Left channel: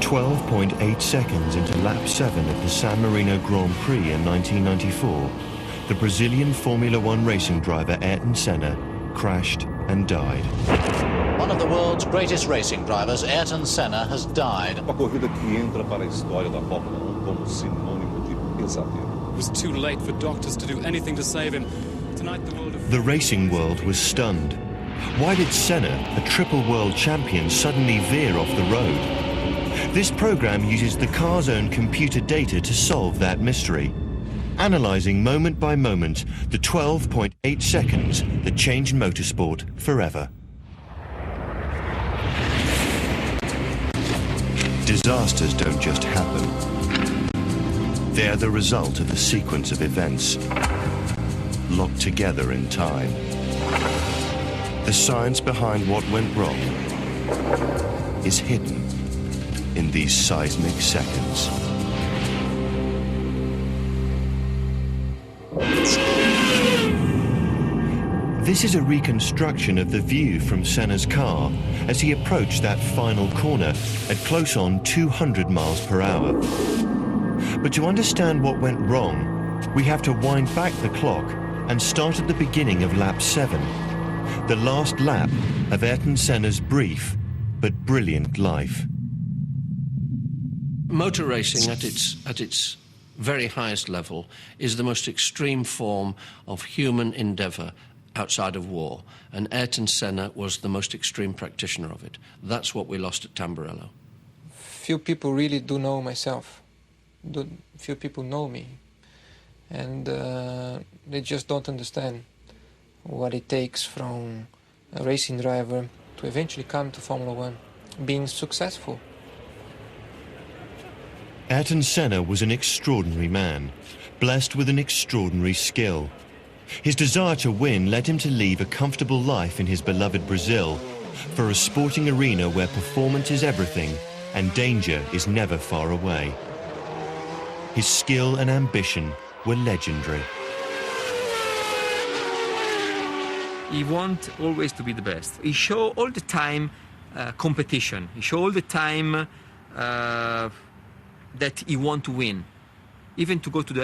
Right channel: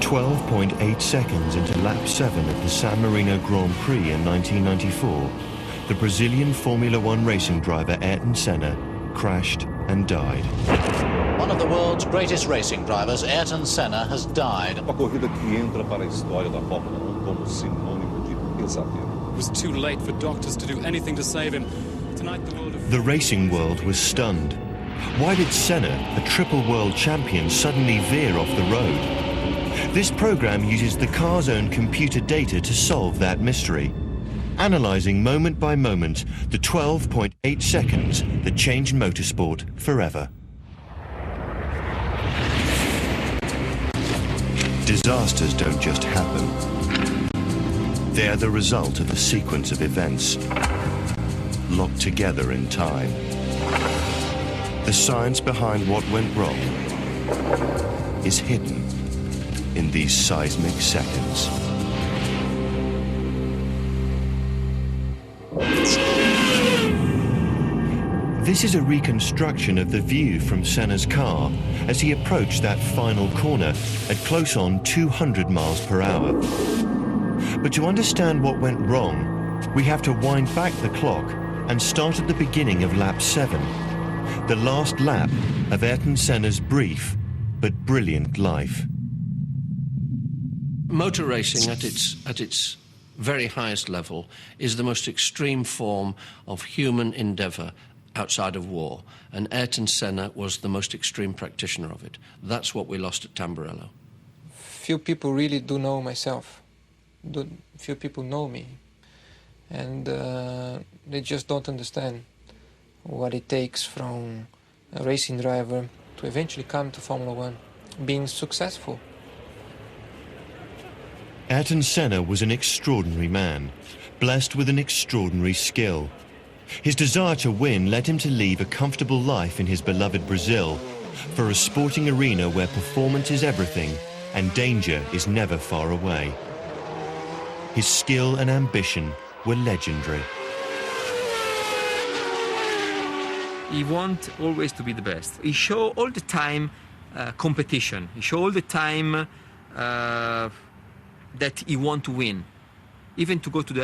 12.8 seconds into lap 7 of the San Marino Grand Prix in 1994, the Brazilian Formula One racing driver Ayrton Senna crashed and died. One of the world's greatest racing drivers, Ayrton Senna, has died. Uma corrida que entra para a história da Fórmula 1 como sinônimo de pesadelo. It was too late for doctors to do anything to save him. Tonight the world of... The racing world was stunned. Why did Senna, a triple world champion, suddenly veer off the road? This program uses the car's own computer data to solve that mystery, analysing moment by moment the 12.8 seconds that changed motorsport forever. Disasters don't just happen. They're the result of a sequence of events locked together in time. The science behind what went wrong is hidden in these seismic seconds. This is a reconstruction of the view from Senna's car as he approached that final corner at close on 200 miles per hour. But to understand what went wrong, we have to wind back the clock and start at the beginning of lap 7, the last lap of Ayrton Senna's brief but brilliant life. Motor racing at its very highest level is the most extreme form of human endeavour outside of war, and Ayrton Senna was the most extreme practitioner of it. That's what we lost at Tamburello. Few people really do know myself. Few people know me, and they just don't understand what it takes from a racing driver to eventually come to Formula One, being successful. Ayrton Senna was an extraordinary man, blessed with an extraordinary skill. His desire to win led him to leave a comfortable life in his beloved Brazil for a sporting arena where performance is everything and danger is never far away. His skill and ambition were legendary. He wanted always to be the best. He showed all the time competition. He showed all the time that he want to win. Even to go into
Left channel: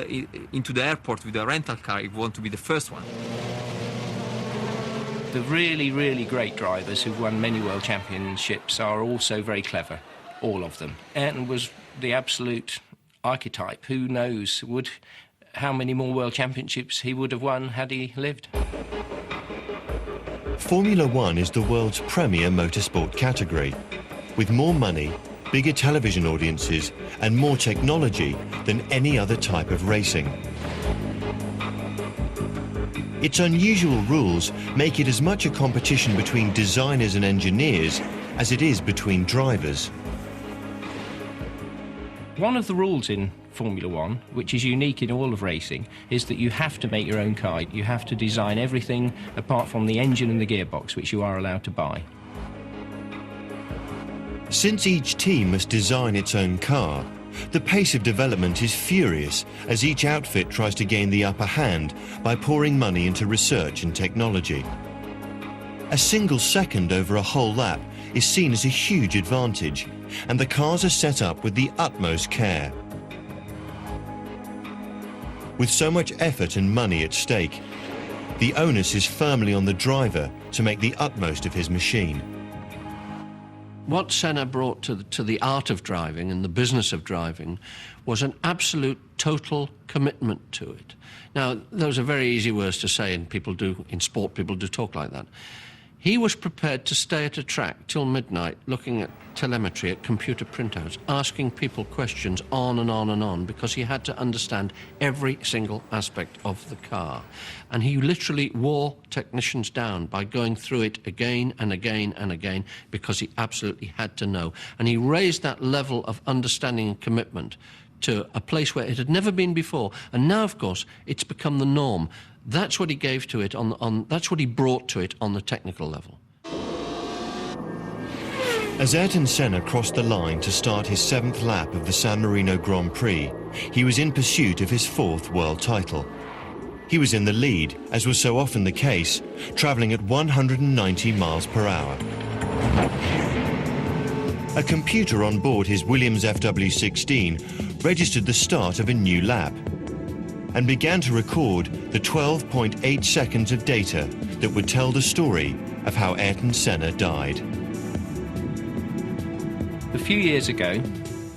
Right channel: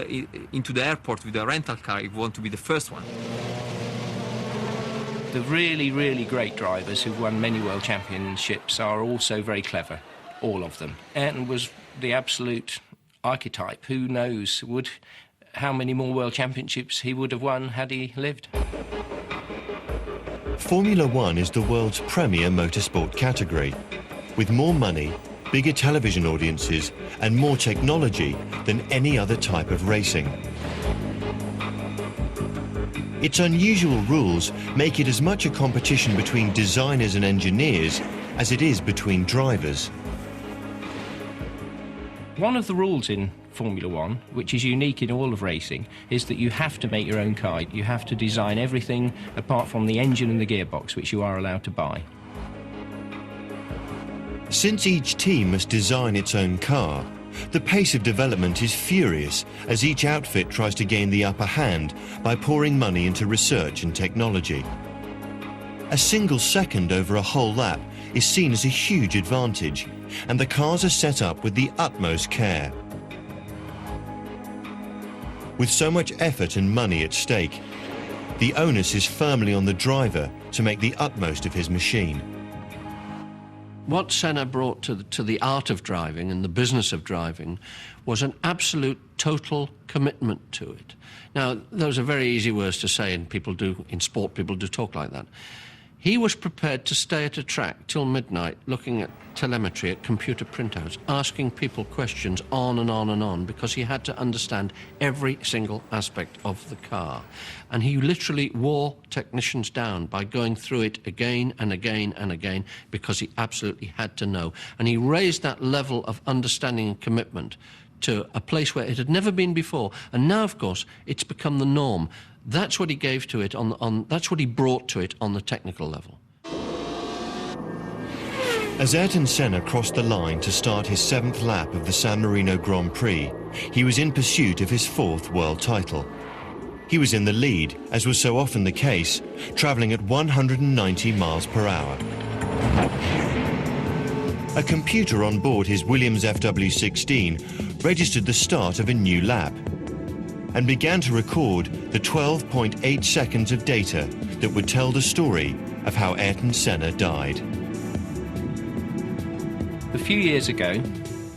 the airport with a rental car, he want to be the first one. The really, really great drivers who've won many world championships are also very clever, all of them. Ayrton was the absolute archetype. Who knows how many more world championships he would have won had he lived. Formula One is the world's premier motorsport category, with more money, bigger television audiences and more technology than any other type of racing. Its unusual rules make it as much a competition between designers and engineers as it is between drivers. One of the rules in Formula One, which is unique in all of racing, is that you have to make your own car. You have to design everything apart from the engine and the gearbox, which you are allowed to buy. Since each team must design its own car, the pace of development is furious as each outfit tries to gain the upper hand by pouring money into research and technology. A single second over a whole lap is seen as a huge advantage, and the cars are set up with the utmost care. With so much effort and money at stake, the onus is firmly on the driver to make the utmost of his machine. What Senna brought to the art of driving and the business of driving was an absolute total commitment to it. Now, those are very easy words to say, and in sport people do talk like that. He was prepared to stay at a track till midnight looking at telemetry, at computer printouts, asking people questions on and on and on, because he had to understand every single aspect of the car. And he literally wore technicians down by going through it again and again and again, because he absolutely had to know. And he raised that level of understanding and commitment to a place where it had never been before. And now, of course, it's become the norm. That's what he gave to it that's what he brought to it on the technical level. As Ayrton Senna crossed the line to start his 7th lap of the San Marino Grand Prix, he was in pursuit of his 4th world title. He was in the lead, as was so often the case, travelling at 190 miles per hour. A computer on board his Williams FW16 registered the start of a new lap and began to record the 12.8 seconds of data that would tell the story of how Ayrton Senna died. A few years ago,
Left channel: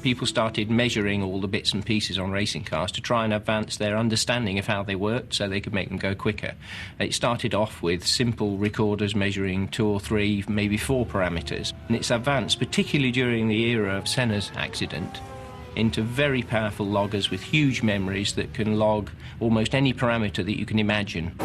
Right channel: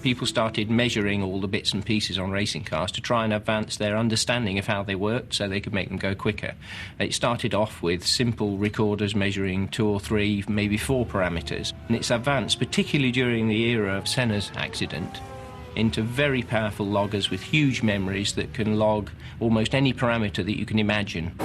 people started measuring all the bits and pieces on racing cars to try and advance their understanding of how they worked so they could make them go quicker. It started off with simple recorders measuring 2 or 3, maybe 4 parameters, and it's advanced, particularly during the era of Senna's accident, into very powerful loggers with huge memories that can log almost any parameter that you can imagine.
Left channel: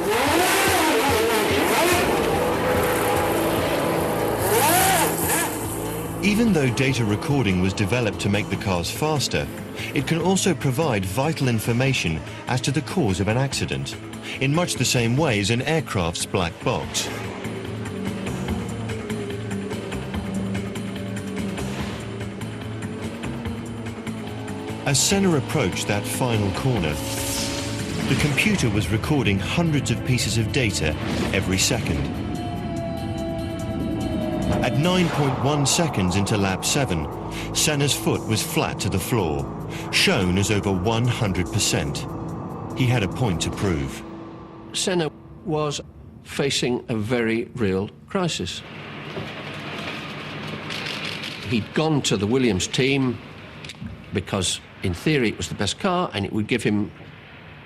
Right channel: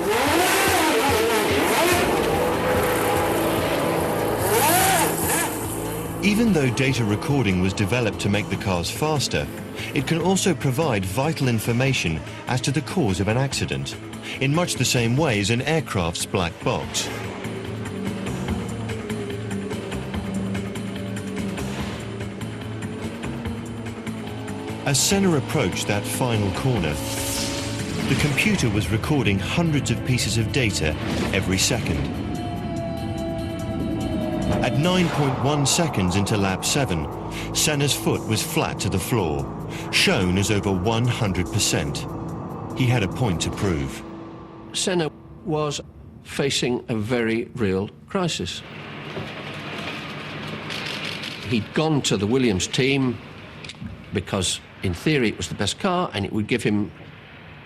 Even though data recording was developed to make the cars faster, it can also provide vital information as to the cause of an accident, in much the same way as an aircraft's black box. As Senna approached that final corner, the computer was recording hundreds of pieces of data every second. At 9.1 seconds into lap 7, Senna's foot was flat to the floor, shown as over 100%. He had a point to prove. Senna was facing a very real crisis. He'd gone to the Williams team because, in theory, it was the best car and it would give him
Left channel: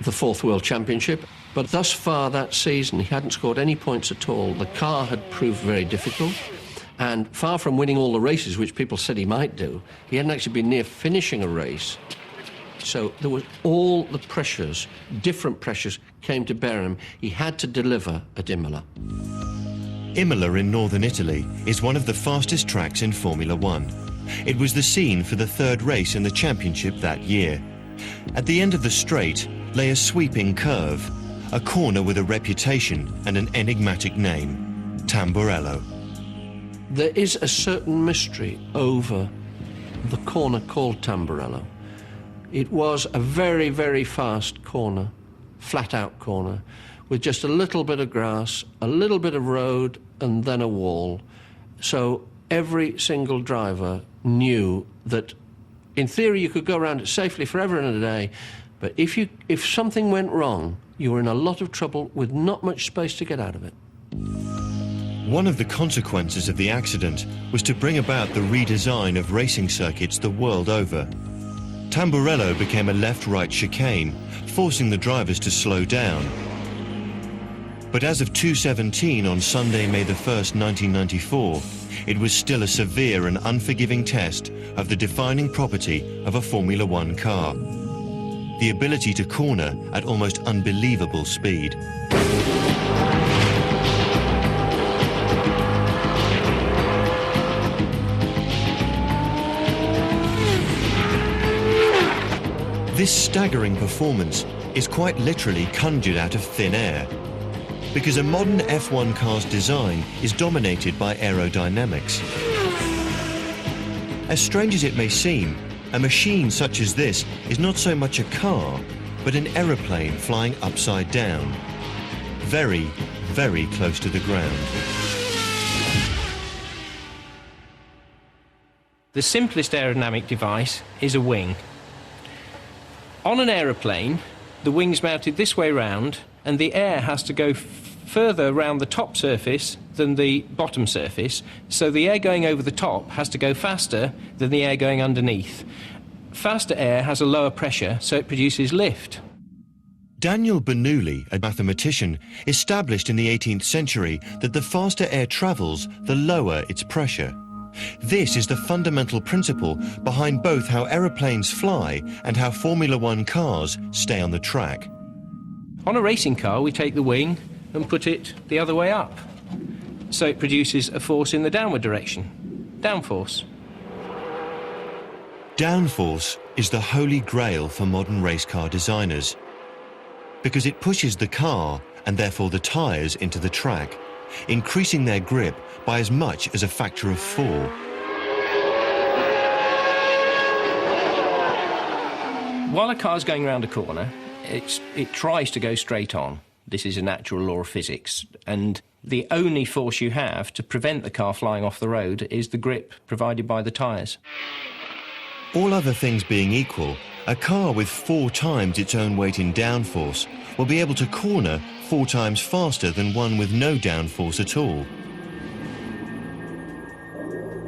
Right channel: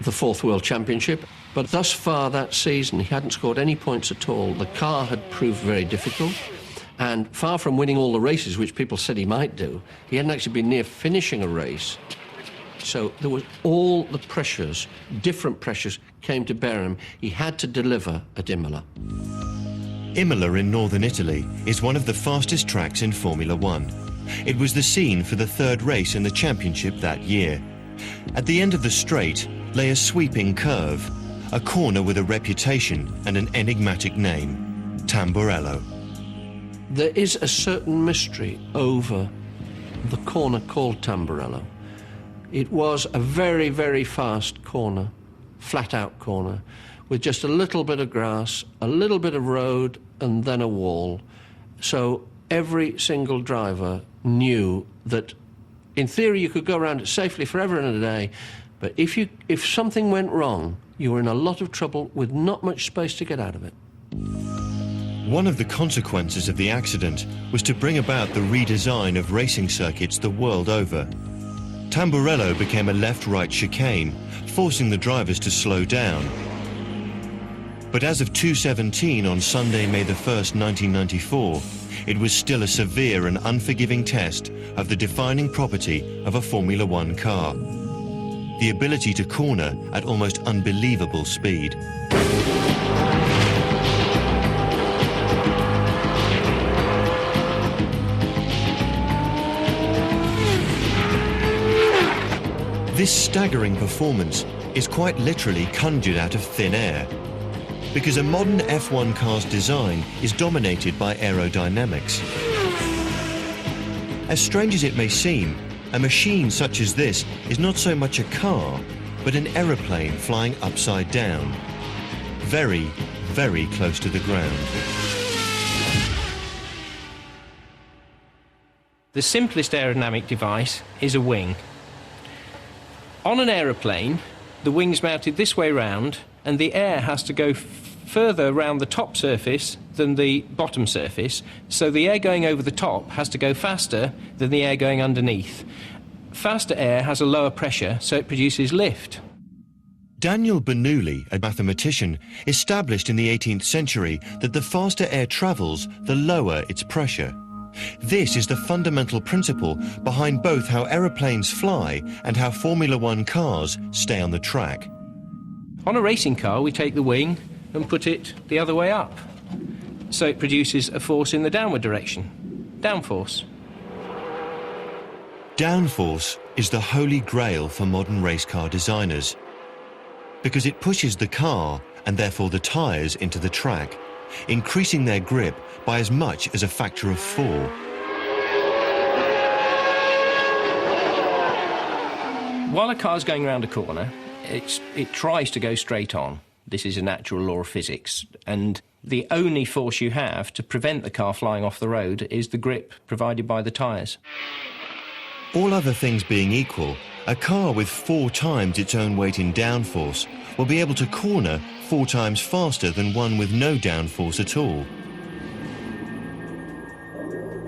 the 4th World Championship. But thus far that season, he hadn't scored any points at all. The car had proved very difficult. And far from winning all the races, which people said he might do, he hadn't actually been near finishing a race. So there was all the pressures, different pressures, came to bear him. He had to deliver at Imola. Imola in northern Italy is one of the fastest tracks in Formula One. It was the scene for the 3rd race in the championship that year. At the end of the straight lay a sweeping curve, a corner with a reputation and an enigmatic name, Tamburello. There is a certain mystery over the corner called Tamburello. It was a very, very fast corner, flat-out corner, with just a little bit of grass, a little bit of road, and then a wall. So every single driver knew that, in theory, you could go around it safely forever and a day, but if something went wrong, you were in a lot of trouble with not much space to get out of it. One of the consequences of the accident was to bring about the redesign of racing circuits the world over. Tamburello became a left-right chicane, forcing the drivers to slow down. But as of 2:17 on Sunday, May the 1st, 1994, it was still a severe and unforgiving test of the defining property of a Formula One car: the ability to corner at almost unbelievable speed. This staggering performance is quite literally conjured out of thin air, because a modern F1 car's design is dominated by aerodynamics. As strange as it may seem, a machine such as this is not so much a car, but an aeroplane flying upside down, very, very close to the ground. The simplest aerodynamic device is a wing. On an aeroplane, the wing's mounted this way round, and the air has to go further around the top surface than the bottom surface, so the air going over the top has to go faster than the air going underneath. Faster air has a lower pressure, so it produces lift. Daniel Bernoulli, a mathematician, established in the 18th century that the faster air travels, the lower its pressure. This is the fundamental principle behind both how aeroplanes fly and how Formula One cars stay on the track. On a racing car, we take the wing and put it the other way up, so it produces a force in the downward direction, downforce. Downforce is the holy grail for modern race car designers, because it pushes the car, and therefore the tyres, into the track, increasing their grip by as much as a factor of 4. While a car's going around a corner, it tries to go straight on. This is a natural law of physics. And the only force you have to prevent the car flying off the road is the grip provided by the tyres. All other things being equal, a car with 4 times its own weight in downforce will be able to corner 4 times faster than one with no downforce at all.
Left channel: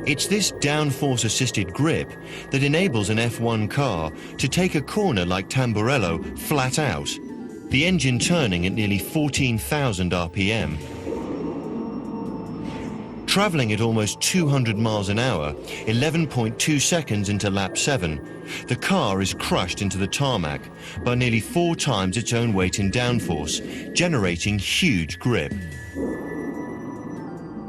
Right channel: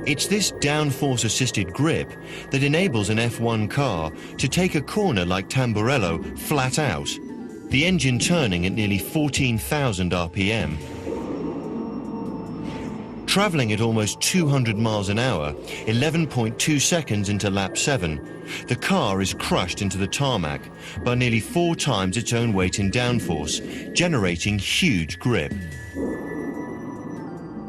It's this downforce-assisted grip that enables an F1 car to take a corner like Tamburello flat out, the engine turning at nearly 14,000 RPM. Travelling at almost 200 miles an hour, 11.2 seconds into lap 7, the car is crushed into the tarmac by nearly 4 times its own weight in downforce, generating huge grip.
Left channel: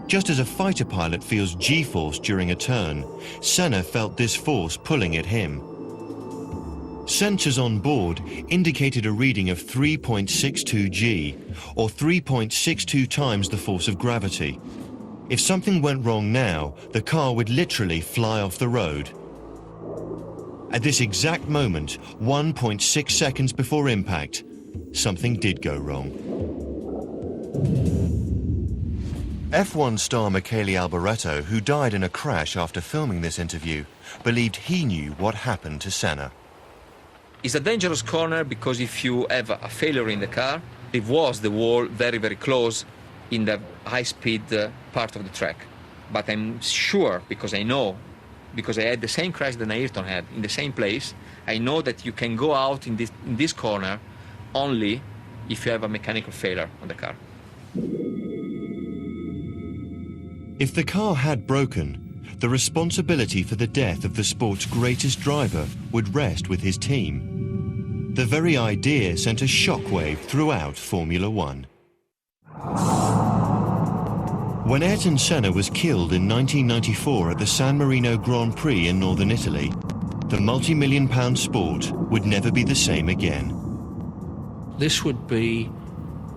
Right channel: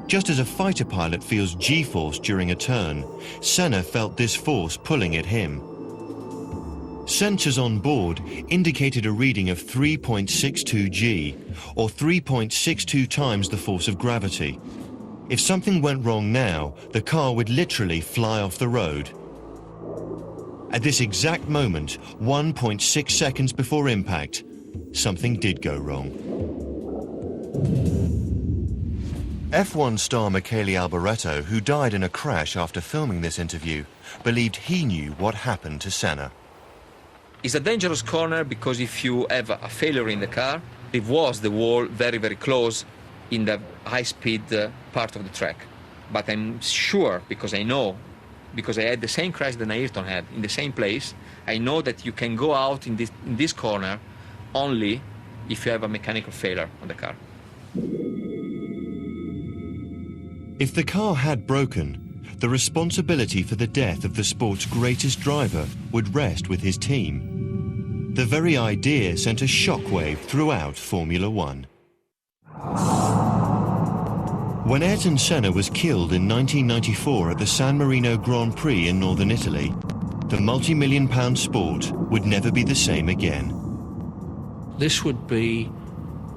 Just as a fighter pilot feels G-force during a turn, Senna felt this force pulling at him. Sensors on board indicated a reading of 3.62 G, or 3.62 times the force of gravity. If something went wrong now, the car would literally fly off the road. At this exact moment, 1.6 seconds before impact, something did go wrong. F1 star Michele Alboreto, who died in a crash after filming this interview, believed he knew what happened to Senna. It's a dangerous corner because if you have a failure in the car, it was the wall very, very close in the high-speed part of the track. But I'm sure, because I know, because I had the same crash that Ayrton had in the same place, I know that you can go out in this corner only if you have a mechanical failure on the car. If the car had broken, the responsibility for the death of the sport's greatest driver would rest with his team. The very idea sent a shockwave throughout Formula One. When Ayrton Senna was killed in 1994 at the San Marino Grand Prix in northern Italy, the multi-million-pound sport would never be the same again. This would be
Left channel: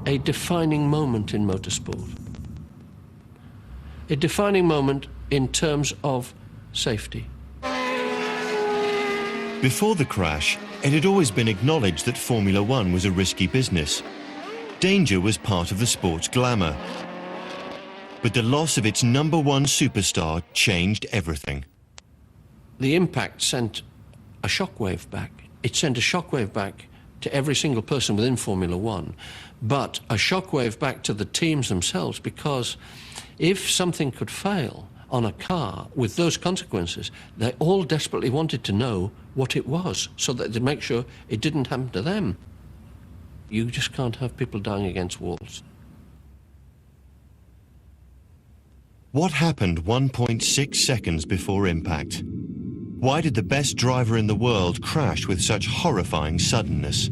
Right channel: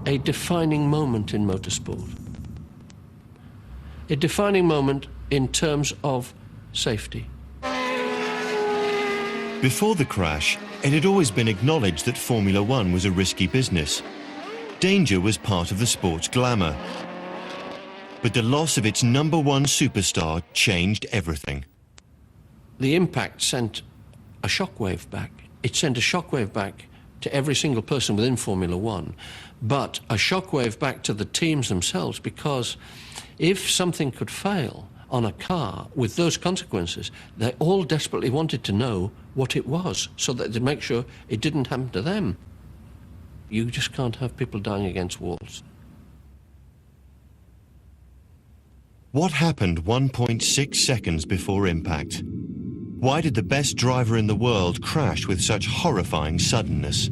a defining moment in motorsport. A defining moment in terms of safety. Before the crash, it had always been acknowledged that Formula One was a risky business. Danger was part of the sport's glamour. But the loss of its number one superstar changed everything. The impact sent a shockwave back. It sent a shockwave back to every single person within Formula One, but a shockwave back to the teams themselves, because if something could fail on a car with those consequences, they all desperately wanted to know what it was so that they'd make sure it didn't happen to them. You just can't have people dying against walls. What happened 1.6 seconds before impact? Why did the best driver in the world crash with such horrifying suddenness?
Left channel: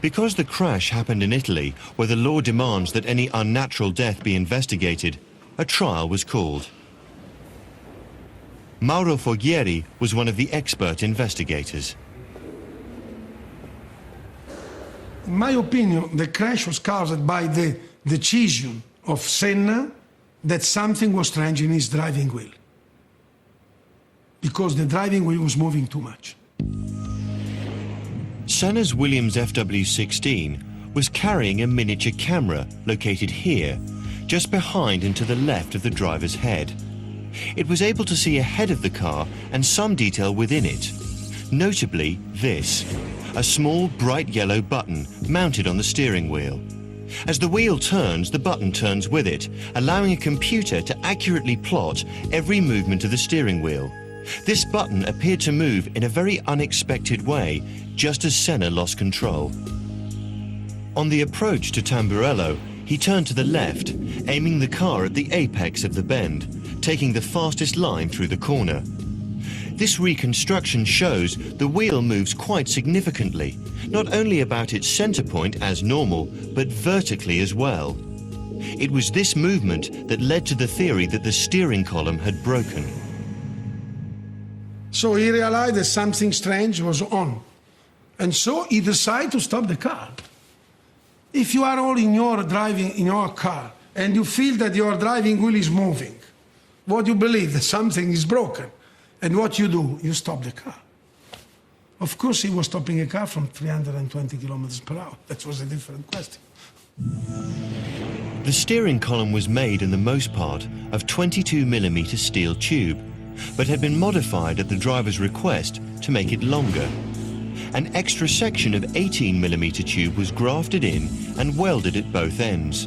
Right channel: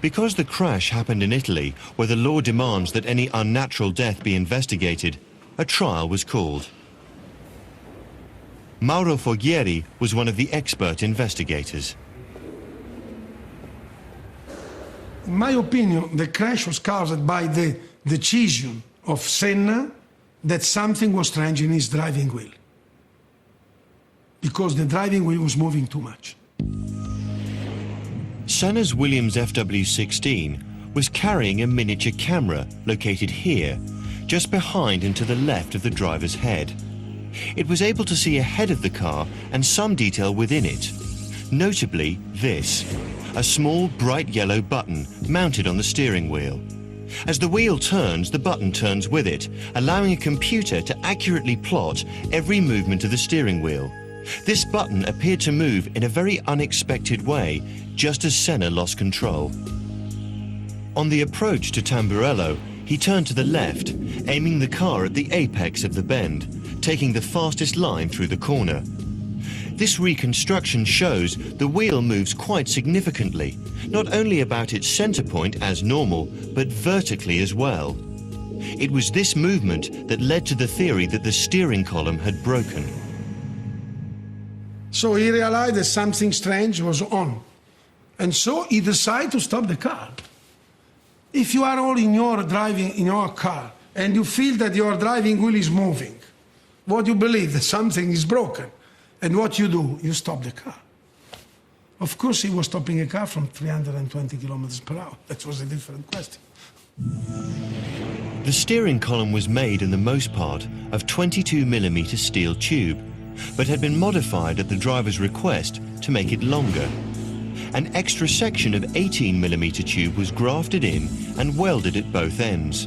Because the crash happened in Italy, where the law demands that any unnatural death be investigated, a trial was called. Mauro Foghieri was one of the expert investigators. In my opinion, the crash was caused by the decision of Senna that something was strange in his driving wheel, because the driving wheel was moving too much. Senna's Williams FW16 was carrying a miniature camera located here, just behind and to the left of the driver's head. It was able to see ahead of the car and some detail within it, notably this, a small bright yellow button mounted on the steering wheel. As the wheel turns, the button turns with it, allowing a computer to accurately plot every movement of the steering wheel. This button appeared to move in a very unexpected way, just as Senna lost control. On the approach to Tamburello, he turned to the left, aiming the car at the apex of the bend, taking the fastest line through the corner. This reconstruction shows the wheel moves quite significantly, not only about its center point as normal, but vertically as well. It was this movement that led to the theory that the steering column had broken. So he realized that something strange was on, and so he decided to stop the car. If you are all in your car and you feel that your driving wheel is moving, what you believe that something is broken, and what you do, you stop the car. Of course, he was stopping a car from 320 kilometers per hour. That was a different question. The steering column was made in the most part of 22mm steel tube, but had been modified at the driver's request to make it longer. An extra section of 18mm tube was grafted in and welded at both ends.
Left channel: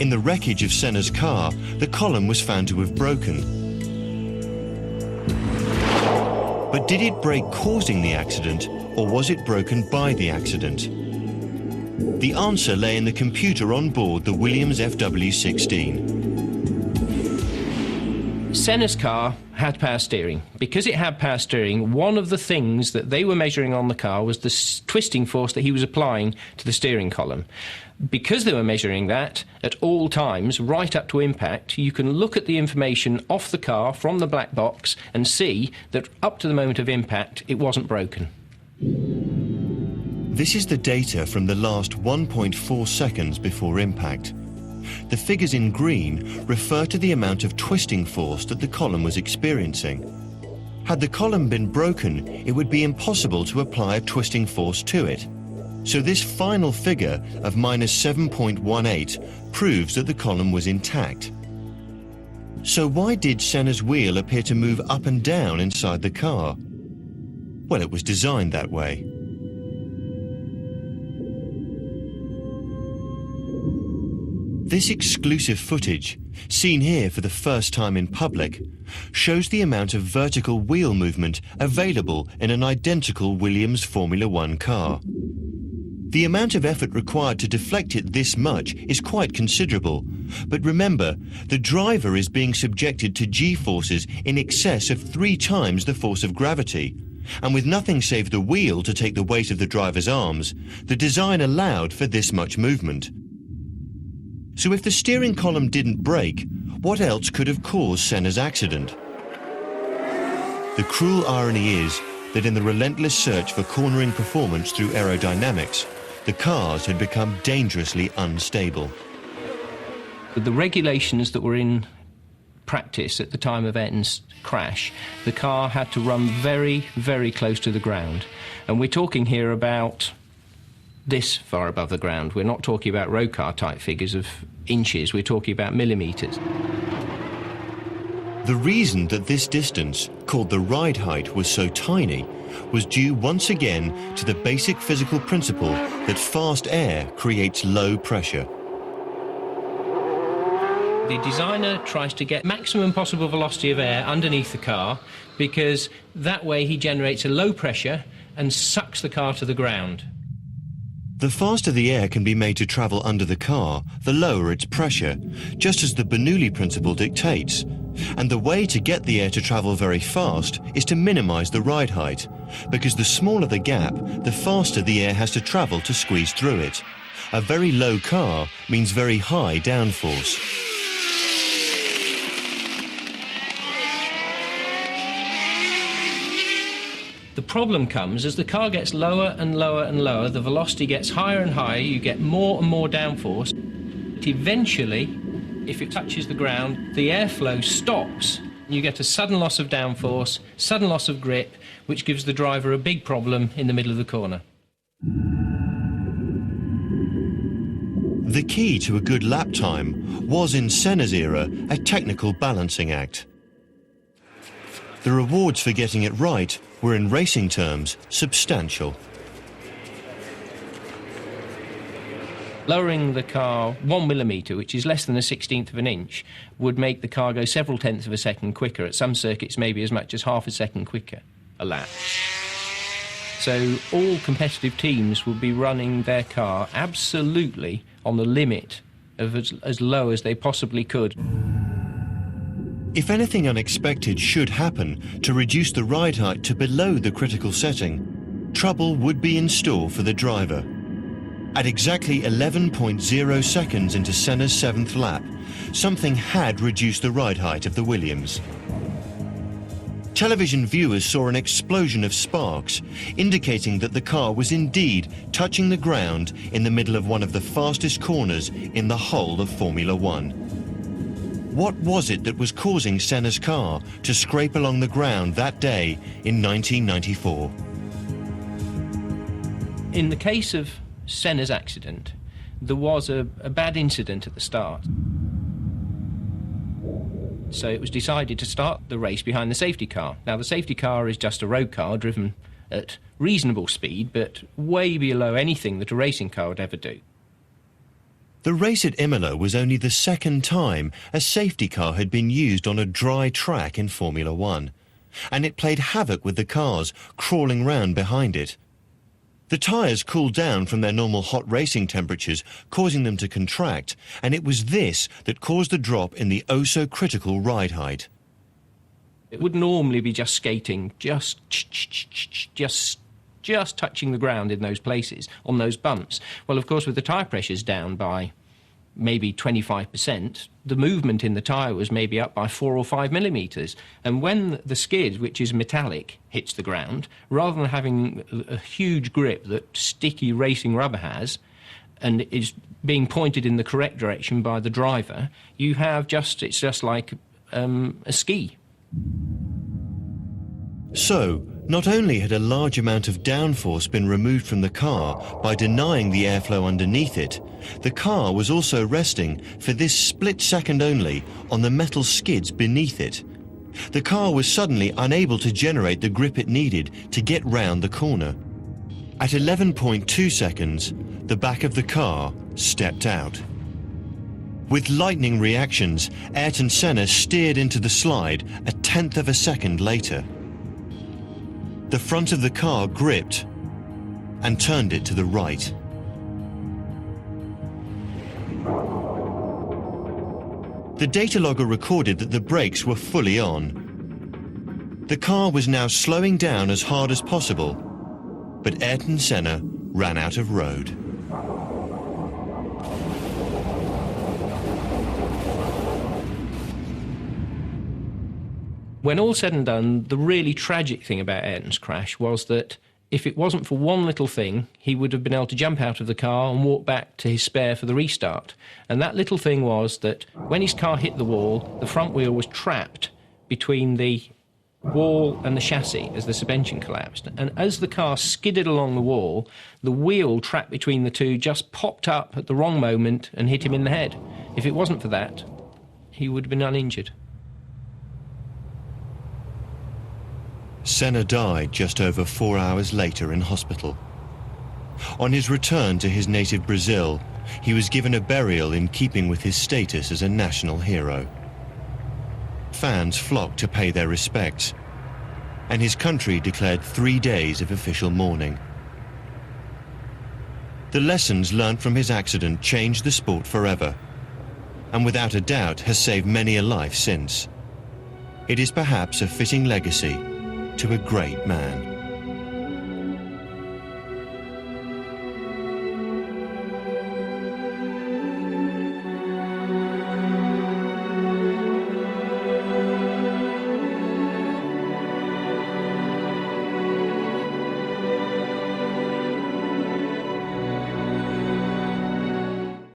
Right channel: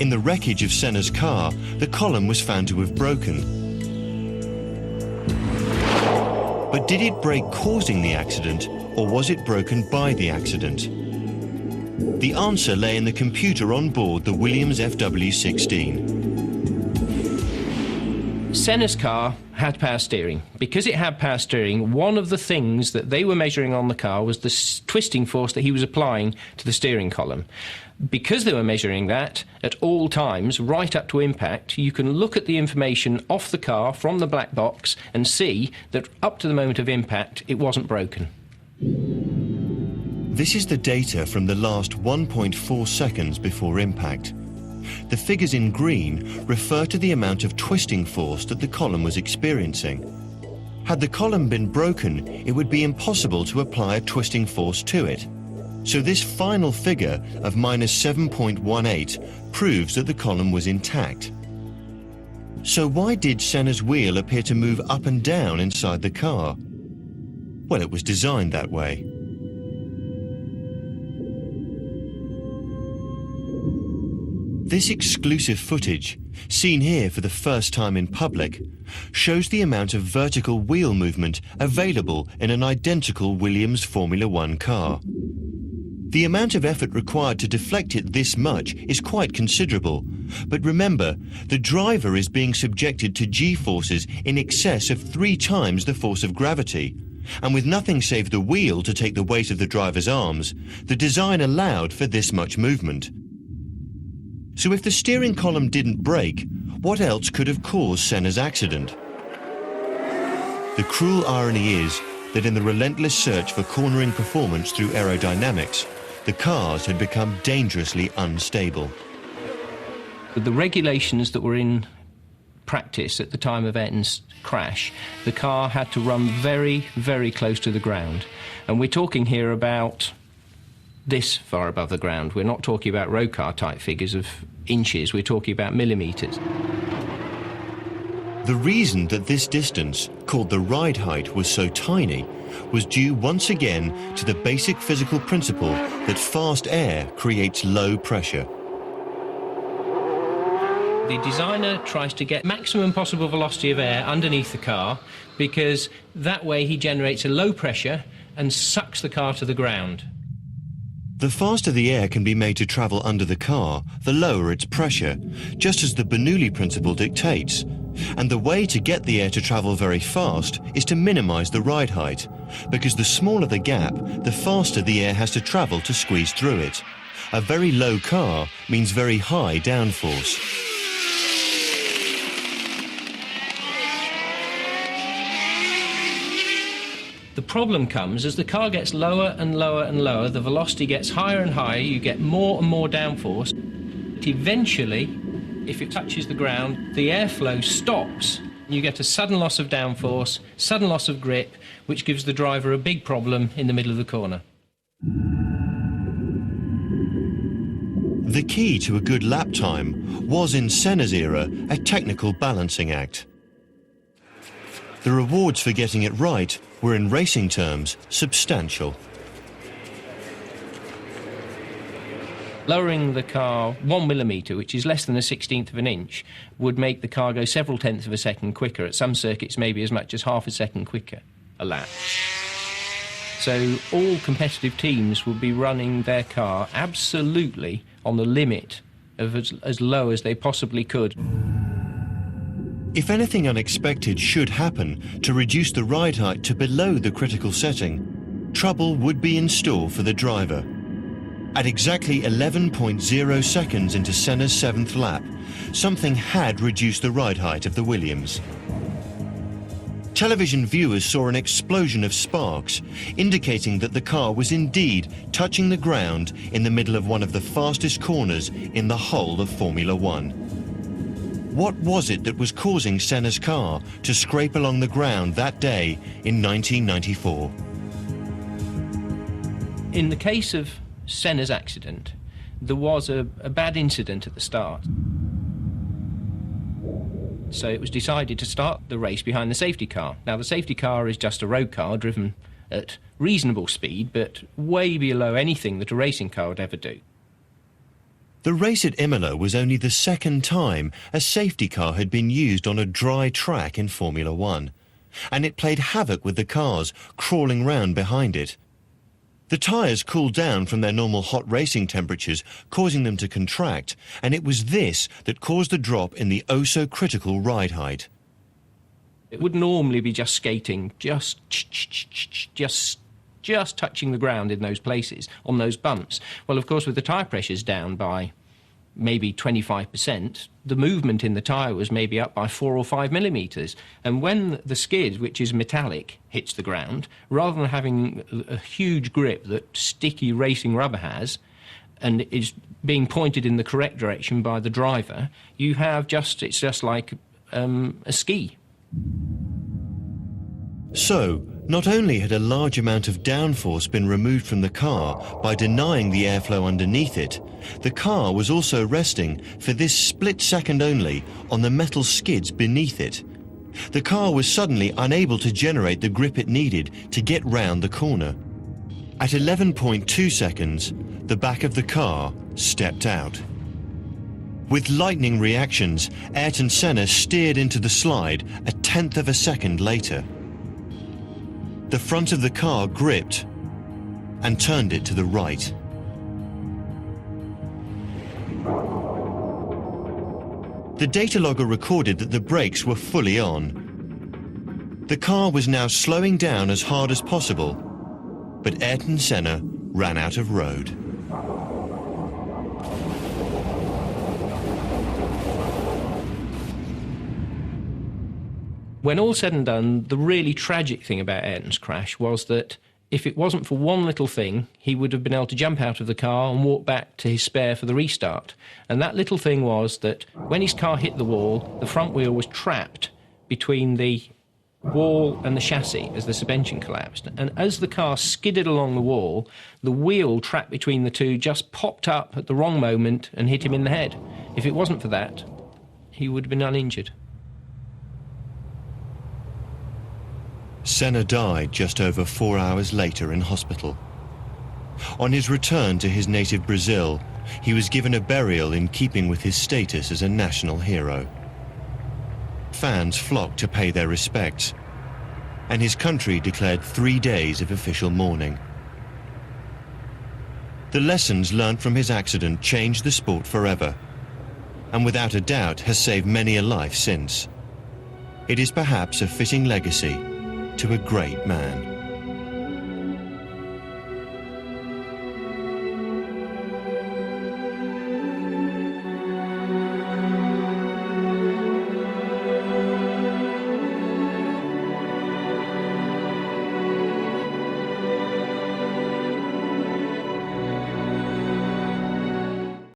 In the wreckage of Senna's car, the column was found to have broken. But did it break causing the accident, or was it broken by the accident? The answer lay in the computer on board the Williams FW16. Senna's car had power steering. Because it had power steering, one of the things that they were measuring on the car was the twisting force that he was applying to the steering column. Because they were measuring that at all times, right up to impact, you can look at the information off the car from the black box and see that up to the moment of impact, it wasn't broken. This is the data from the last 1.4 seconds before impact. The figures in green refer to the amount of twisting force that the column was experiencing. Had the column been broken, it would be impossible to apply a twisting force to it. So this final figure of -7.18 proves that the column was intact. So why did Senna's wheel appear to move up and down inside the car? Well, it was designed that way. This exclusive footage, seen here for the first time in public, shows the amount of vertical wheel movement available in an identical Williams Formula One car. The amount of effort required to deflect it this much is quite considerable, but remember, the driver is being subjected to G-forces in excess of 3 times the force of gravity, and with nothing save the wheel to take the weight of the driver's arms, the design allowed for this much movement. So if the steering column didn't break, what else could have caused Senna's accident? The cruel irony is that in the relentless search for cornering performance through aerodynamics, the cars had become dangerously unstable. With the regulations that were in practice at the time of Ayrton's crash, the car had to run very, very close to the ground. And we're talking here about this far above the ground. We're not talking about road car type figures of inches, we're talking about millimetres. The reason that this distance, called the ride height, was so tiny was due once again to the basic physical principle that fast air creates low pressure. The designer tries to get maximum possible velocity of air underneath the car because that way he generates a low pressure and sucks the car to the ground. The faster the air can be made to travel under the car, the lower its pressure, just as the Bernoulli principle dictates. And the way to get the air to travel very fast is to minimize the ride height, because the smaller the gap, the faster the air has to travel to squeeze through it. A very low car means very high downforce. The problem comes as the car gets lower and lower and lower, the velocity gets higher and higher, you get more and more downforce. Eventually, if it touches the ground, the airflow stops. You get a sudden loss of downforce, sudden loss of grip, which gives the driver a big problem in the middle of the corner. The key to a good lap time was in Senna's era a technical balancing act. The rewards for getting it right were, in racing terms, substantial. Lowering the car 1 millimetre, which is less than a 16th of an inch, would make the car go several tenths of a second quicker. At some circuits, maybe as much as half a second quicker a lap. So all competitive teams would be running their car absolutely on the limit of as low as they possibly could. If anything unexpected should happen to reduce the ride height to below the critical setting, trouble would be in store for the driver. At exactly 11.0 seconds into Senna's 7th lap, something had reduced the ride height of the Williams. Television viewers saw an explosion of sparks, indicating that the car was indeed touching the ground in the middle of one of the fastest corners in the whole of Formula One. What was it that was causing Senna's car to scrape along the ground that day in 1994? In the case of Senna's accident, there was a bad incident at the start. So it was decided to start the race behind the safety car. Now, the safety car is just a road car driven at reasonable speed, but way below anything that a racing car would ever do. The race at Imola was only the second time a safety car had been used on a dry track in Formula One, and it played havoc with the cars crawling round behind it. The tyres cooled down from their normal hot racing temperatures, causing them to contract, and it was this that caused the drop in the oh-so-critical ride height. It would normally be just skating, just touching the ground in those places, on those bumps. Well, of course, with the tyre pressures down by maybe 25%, the movement in the tyre was maybe up by 4 or 5 millimetres. And when the skid, which is metallic, hits the ground, rather than having a huge grip that sticky racing rubber has, and is being pointed in the correct direction by the driver, you have it's just like a ski. So, not only had a large amount of downforce been removed from the car by denying the airflow underneath it, the car was also resting for this split second only on the metal skids beneath it. The car was suddenly unable to generate the grip it needed to get round the corner. At 11.2 seconds, the back of the car stepped out. With lightning reactions, Ayrton Senna steered into the slide a tenth of a second later. The front of the car gripped and turned it to the right. The data logger recorded that the brakes were fully on. The car was now slowing down as hard as possible, but Ayrton Senna ran out of road. When all said and done, the really tragic thing about Ayrton's crash was that if it wasn't for one little thing, he would have been able to jump out of the car and walk back to his spare for the restart. And that little thing was that when his car hit the wall, the front wheel was trapped between the wall and the chassis as the suspension collapsed. And as the car skidded along the wall, the wheel trapped between the two just popped up at the wrong moment and hit him in the head. If it wasn't for that, he would have been uninjured. Senna died just over 4 hours later in hospital. On his return to his native Brazil, he was given a burial in keeping with his status as a national hero. Fans flocked to pay their respects, and his country declared 3 days of official mourning. The lessons learnt from his accident changed the sport forever, and without a doubt has saved many a life since. It is perhaps a fitting legacy to a great man.